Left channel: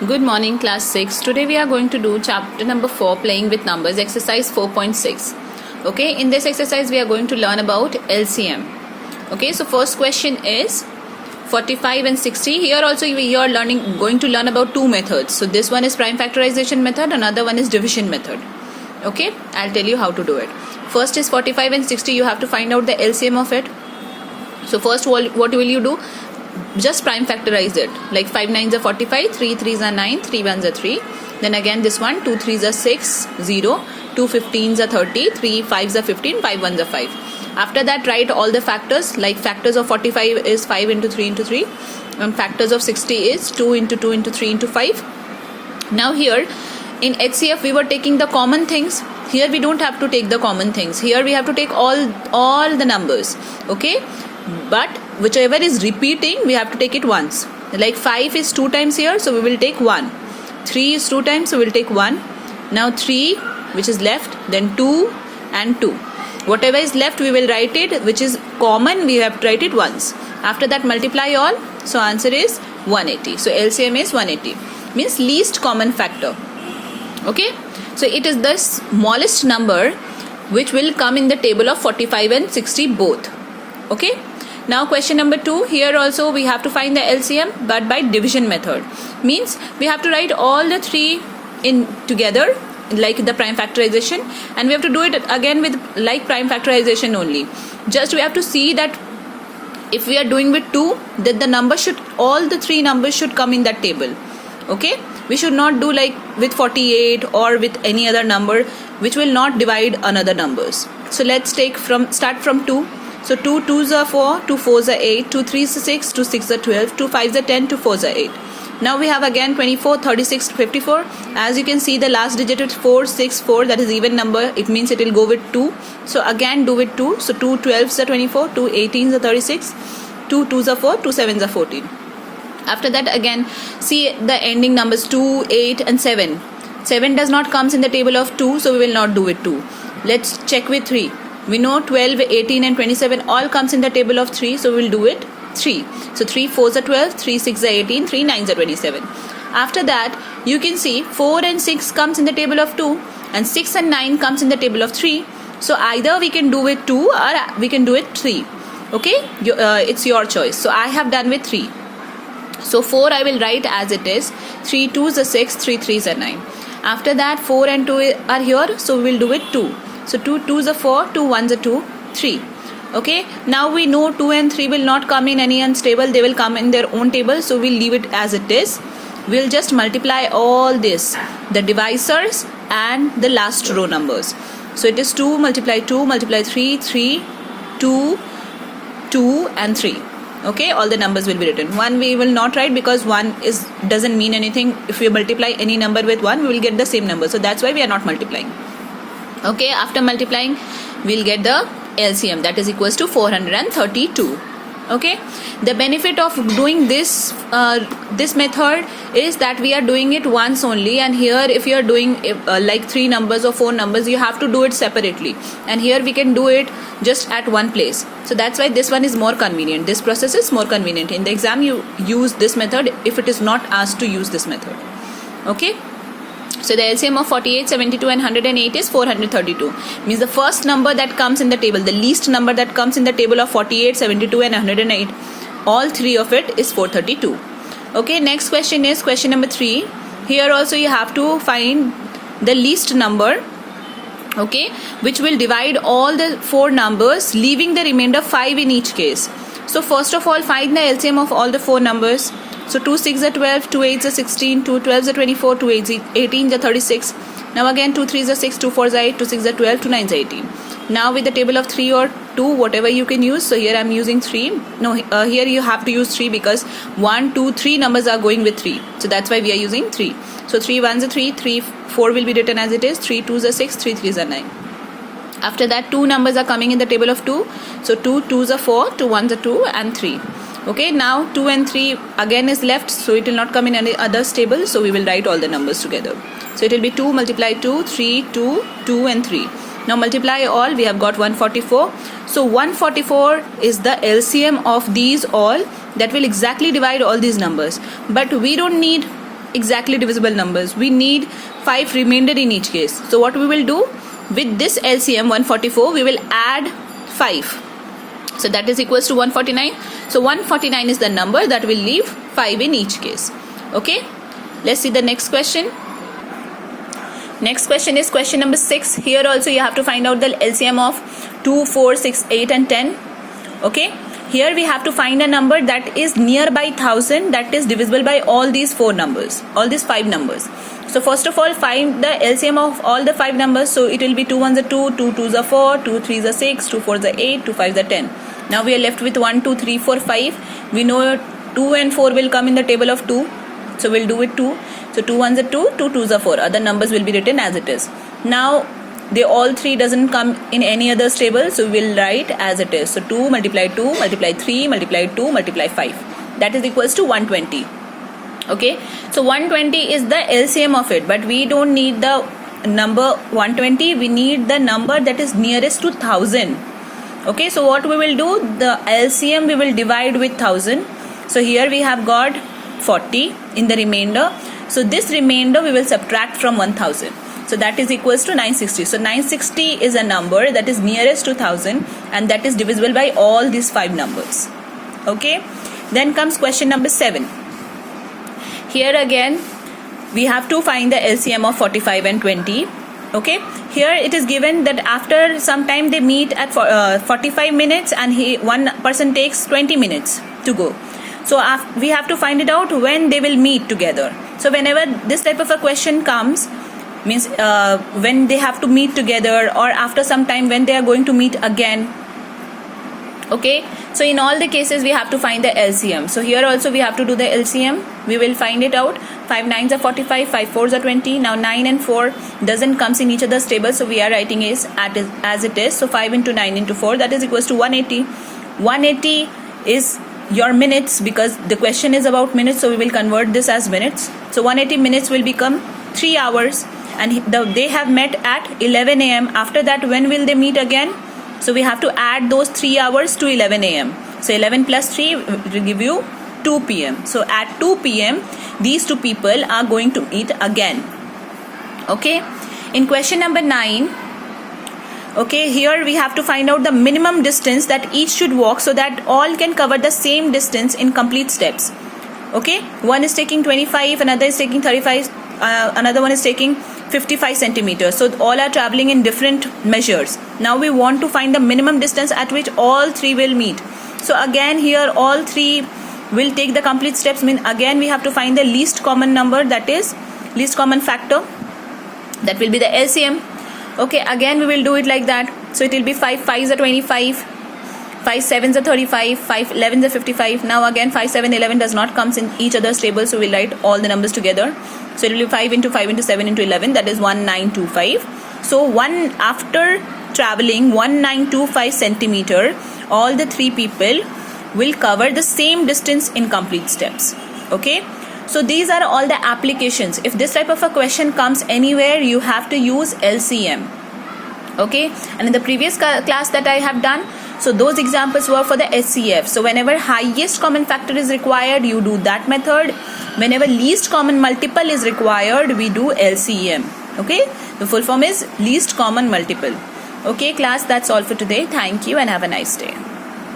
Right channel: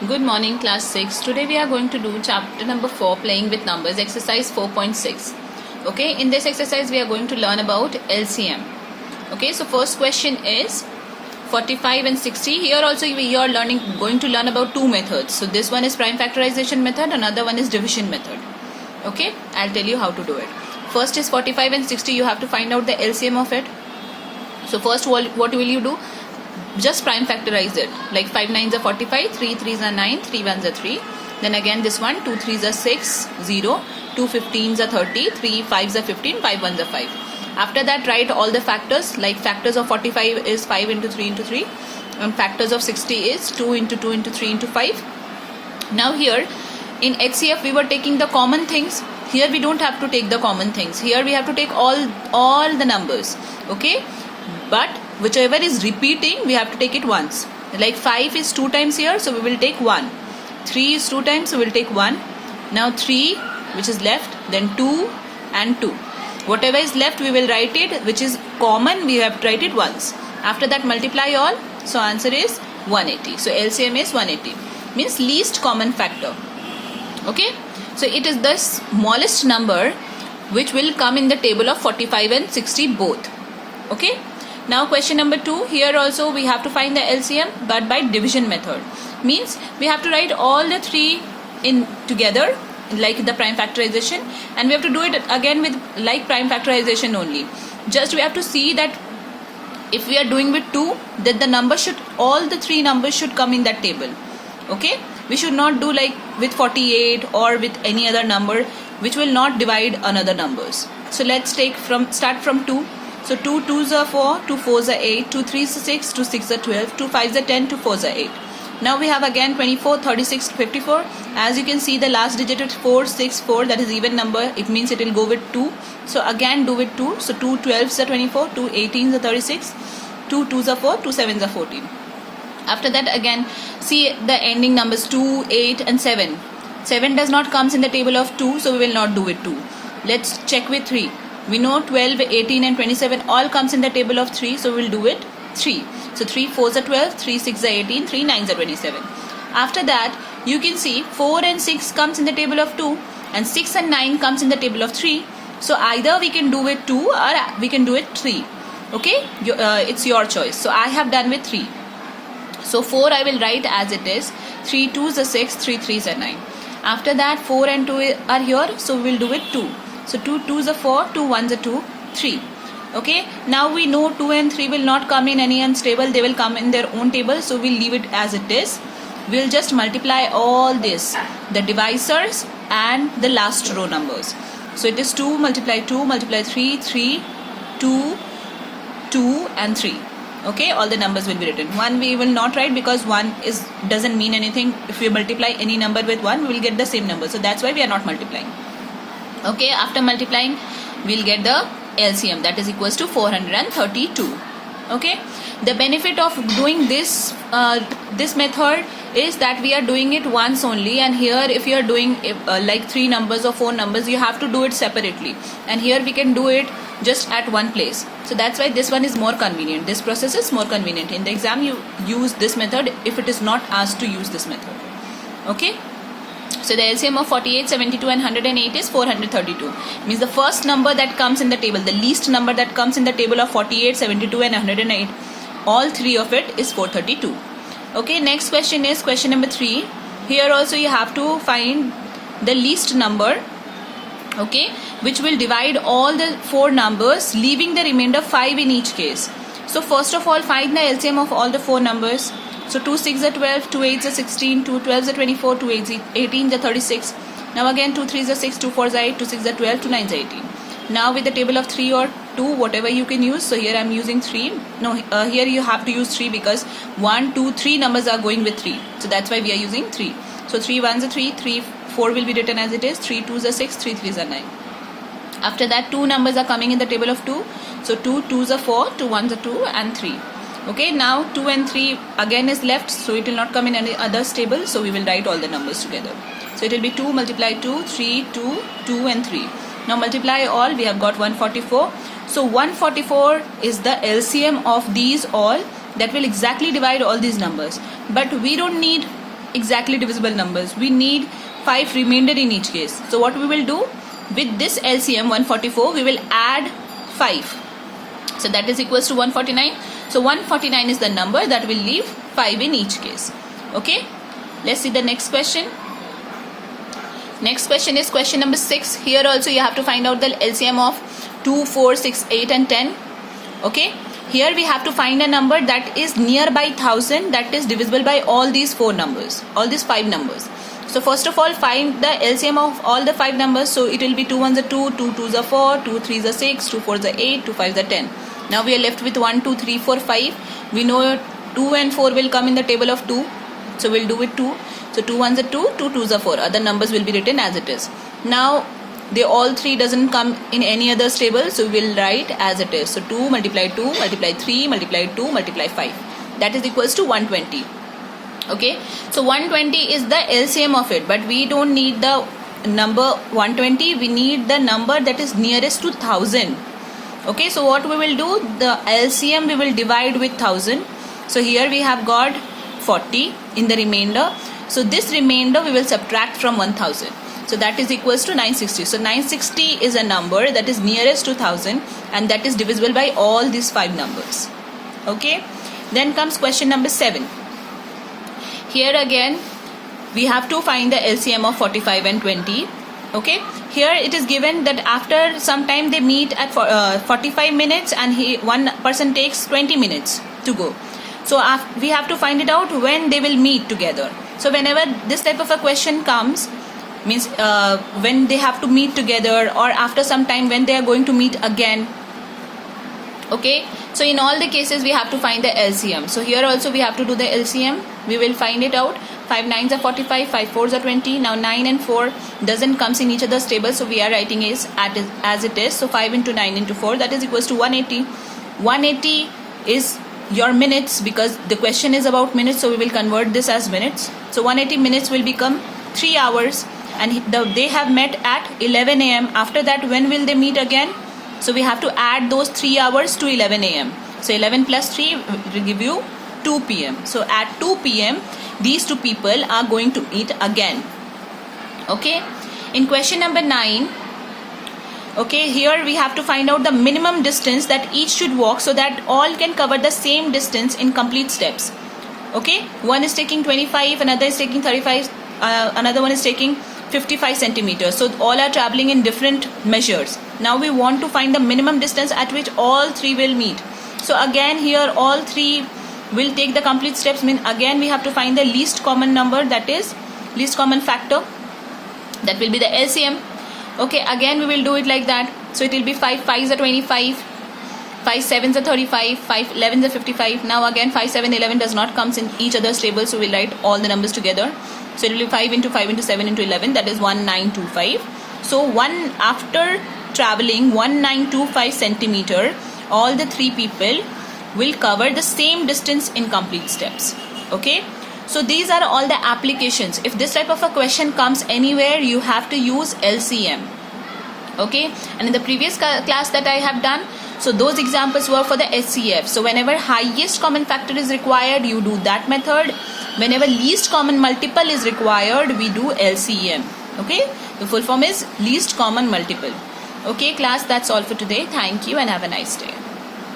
Good morning, class 6. Today we are going to do chapter number 4, playing with numbers, exercise 4.6. Okay, in this exercise we are going to learn about LCM. Okay, so first question is 45 and 60. Here also we are going to learn about two methods. So this one is prime factorization method, another one is division method. Okay, I'll tell you how to do it. First is 45 and 60. You have to find out the LCM of it. So first what will you do? Just prime factorize it, like 5 9s are 45, 3 3s are 9, 3 1s are 3. Then again this one, 2 3s are 6, 0, 2 15s are 30, 3 5s are 15, 5 1s are 5. After that write all the factors, like factors of 45 is 5 into 3 into 3 and factors of 60 is 2 into 2 into 3 into 5. Now here in HCF we were taking the common things. Here we don't have to take the common things. Here we have to take all the numbers. Okay, but whichever is repeating we have to take it once. Like 5 is 2 times here, so we will take 1. 3 is 2 times, so we will take 1. Now 3 which is left, then 2 and 2. Whatever is left we will write it, which is common we have to write it once. After that multiply all, so answer is 180. So LCM is 180, means least common factor. Okay, so it is the smallest number which will come in the table of 45 and 60 both. Okay, now question number 2. Here also we have to find the LCM, but by division method. Means we have to write all the three in together like the prime factorization, and we have to do it again with like prime factorization only. Just we have to see that if we are doing with 2, that the number should, all the three numbers should come in that table. Okay, we should not do like with 48 or with any other number which will not divide another numbers. So let's start from 2. So 2 2s are 4, 2 4s are 8, 2 3s are 6, 2 6s are 12, 2 5s are 10, 2 4s are 8. Now we have again 24, 36, 54. As you can see, the last digit is 4, 6, 4. That is even number. It means it will go with 2. So again do with 2. So 2 12s are 24, 2 18s are 36, 2 2s are 4, 2 7s are 14. After that again see the ending numbers 2, 8 and 7. 7 does not comes in the table of 2, so we will not do with 2. Let's check with 3. We know 12, 18 and 27 all comes in the table of 3, so we will do it 3. So 3 4s are 12, 3 6s are 18, 3 9s are 27. After that you can see 4 and 6 comes in the table of 2 and 6 and 9 comes in the table of 3. So either we can do with 2 or we can do it 3. Okay, it's your choice. So I have done with 3. So 4 I will write as it is. 3 2s are 6, 3 3s are 9. After that 4 and 2 are here, so we will do it 2. So 2 2s are 4, 2 1s are 2, 3. Okay, now we know 2 and 3 will not come in any unstable, they will come in their own table, so we'll leave it as it is. We'll just multiply all this, the divisors and the last row numbers. So it is 2 multiply 2 multiply 3, 3, 2, 2 and 3. Okay, all the numbers will be written. 1 we will not write because 1 doesn't mean anything. If we multiply any number with 1, we will get the same number. So that's why we are not multiplying. Okay, after multiplying we'll get the LCM, that is equals to 432. Okay, the benefit of doing this method is that we are doing it once only, and here if you are doing like 3 numbers or 4 numbers, you have to do it separately, and here we can do it just at one place. So that's why this one is more convenient. This process is more convenient. In the exam you use this method if it is not asked to use this method. Okay, so the LCM of 48, 72 and 108 is 432. Means the first number that comes in the table, the least number that comes in the table of 48, 72 and 108, all three of it is 432. Okay, next question is question number 3. Here also you have to find the least number, okay, which will divide all the 4 numbers, leaving the remainder 5 in each case. So first of all find the LCM of all the 4 numbers. So 2 6 are 12, 2 8s are 16, 2 12s are 24, 2 18s are 36. Now again 2 3s are 6, 2 4s are 8, 2 6s are 12, 2 9s are 18. Now with the table of 3 or 2, whatever you can use. So here I am using 3. No, here you have to use 3 because 1, 2, 3 numbers are going with 3. So that's why we are using 3. So 3 1s are 3, 3 4 will be written as it is, 3 2s are 6, 3 3s are 9. After that 2 numbers are coming in the table of 2. So 2 2s are 4, 2 1s are 2 and 3. Okay, now 2 and 3 again is left, so it will not come in any other table, so we will write all the numbers together. So it will be 2 multiply 2, 3, 2, 2 and 3. Now multiply all, we have got 144. So 144 is the LCM of these all, that will exactly divide all these numbers. But we don't need exactly divisible numbers. We need 5 remainder in each case. So what we will do with this LCM 144, we will add 5. So that is equals to 149. So 149 is the number that will leave 5 in each case. Okay, let's see the next question. Next question is question number 6. Here also you have to find out the LCM of 2, 4, 6, 8 and 10. Okay, here we have to find a number that is nearby 1000, that is divisible by all these 4 numbers, all these 5 numbers. So first of all, find the LCM of all the 5 numbers. So it will be 2 1s are 2, 2 2s are 4, 2 3s are 6, 2 4s are 8, 2 5s are 10. Now we are left with 1 2 3 4 5. We know 2 and 4 will come in the table of 2. So we'll do it 2. So 2 1s are 2, 2 2s are 4. Other numbers will be written as it is. Now they all 3 doesn't come in any other table, so we'll write as it is. So 2 multiply 2 multiply 3 multiply 2 multiply 5. That is equals to 120. Okay, so 120 is the LCM of it, but we don't need the number 120. We need the number that is nearest to 1000. Okay, so what we will do, the LCM we will divide with 1000. So here we have got 40 in the remainder. So this remainder we will subtract from 1000. So that is equals to 960. So 960 is a number that is nearest to 1000 and that is divisible by all these 5 numbers. Okay, then comes question number 7. Here again we have to find the LCM of 45 and 20. Okay, here it is given that after some time they meet at 45 minutes and one person takes 20 minutes to go. So we have to find it out when they will meet together. So whenever this type of a question comes, means when they have to meet together or after some time when they are going to meet again. Okay, so in all the cases we have to find the LCM. So here also we have to do the LCM. We will find it out. 5 9s are 45, 5 4s are 20. Now 9 and 4 doesn't comes in each other's table, so we are writing is as it is. So 5 into 9 into 4, that is equals to 180. 180 is your minutes because the question is about minutes, so we will convert this as minutes. So 180 minutes will become 3 hours and they have met at 11 a.m. After that, when will they meet again? So we have to add those 3 hours to 11 a.m. So 11 plus 3 will give you 2 p.m. So at 2 p.m. these 2 people are going to meet again. Okay, in question number 9, okay, here we have to find out the minimum distance that each should walk so that all can cover the same distance in complete steps. Okay, one is taking 25, another is taking 35, another one is taking 55 centimeters. So all are traveling in different measures. Now we want to find the minimum distance at which all 3 will meet. So again here all 3 will take the complete steps. Again we have to find the least common number, that is least common factor, that will be the LCM. Okay, again we will do it like that. So it will be 5 5s are 25, 5 7s are 35, 5 11s are 55. Now again 5 7 11 does not comes in each other's table, so we'll write all the numbers together. So it will be 5 into 5 into 7 into 11, that is 1925. So after traveling 1925 centimeter, all the 3 people will cover the same distance in complete steps. Okay, so these are all the applications. If this type of a question comes anywhere, you have to use LCM. Okay, and in the previous class that I have done, so those examples were for the SCF. So whenever highest common factor is required, you do that method. Whenever least common multiple is required, we do LCM. Okay, the full form is least common multiple. Okay class, that's all for today. Thank you and have a nice day.